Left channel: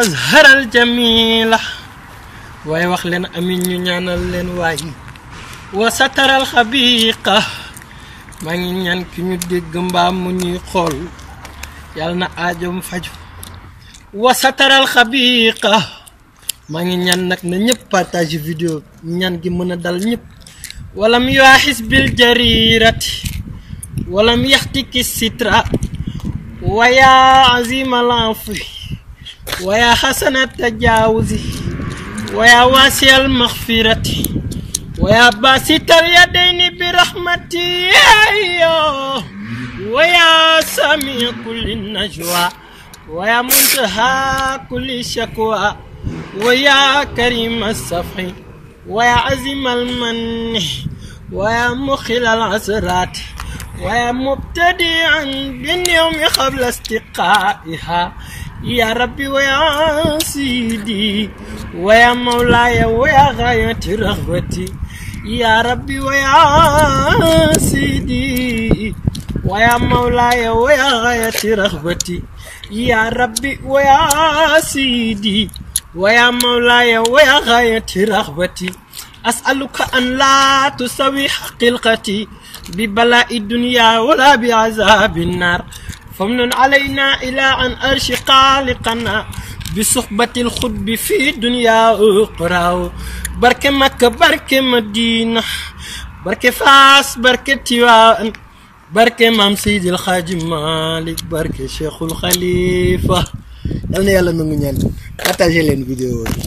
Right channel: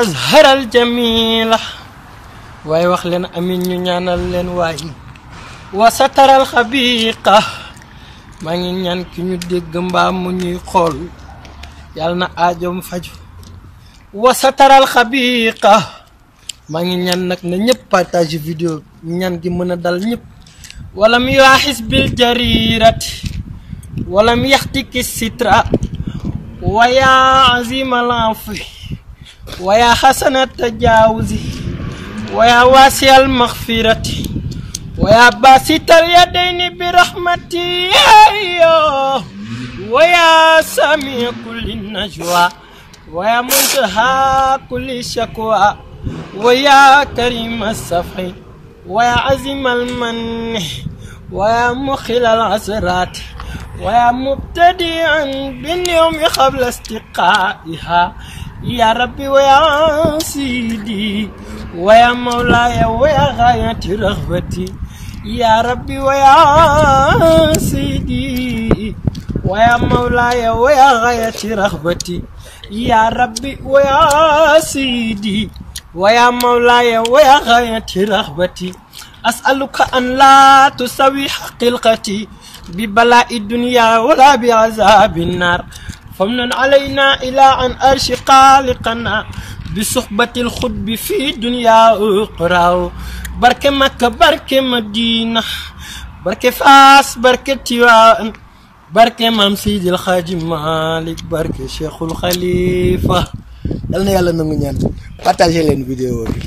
azhar al jamila way wax leen amin ñu ñaanal leen waay wa satar al khabiqa maa ngi ñaan ki ñu dégg mbaa mu ñuy xool yàlla na aajom faju wa satar al khabiqa maa ngi ñaan nag na ñëpp partage vidéo ñaan gi mën a dal ñëpp walam yuahis bil jarirati walam yaxtiki sitra wa ya azim al afi wa ya hasana tajawuzi wa ya wasi al maghfirati wa ya basit al yadaini bi rahmati wa ya sami kulli najwa wa ya muntaha kulli shakwa ويا كريم الصفح ويا عزيم المن ويا مخل العسرات ويا مبتدئا باليوم قبل استقائها يا ربي ويا سيدي ويا مولاي ويا غاية رغبتي يا ربي ويا سيدي ويا مولاي ويا غاية رغبتي يا ربي ويا سيدي ويا مولاي ويا غاية رغبتي أسألك أن لا تسوي حقيقتي ببلاء الدنيا ولا بعذاب النار فمن علينا إلى أن أرشي خالقنا بصحبة الخطب في دنيا أخرى بركة مكة بركة مدينة بركة فاس بركة تيوان بركة مام سيد الحاج مالك بركة شيخ الخليفة yal na yàlla nangu ñaan partager leen vidéo bi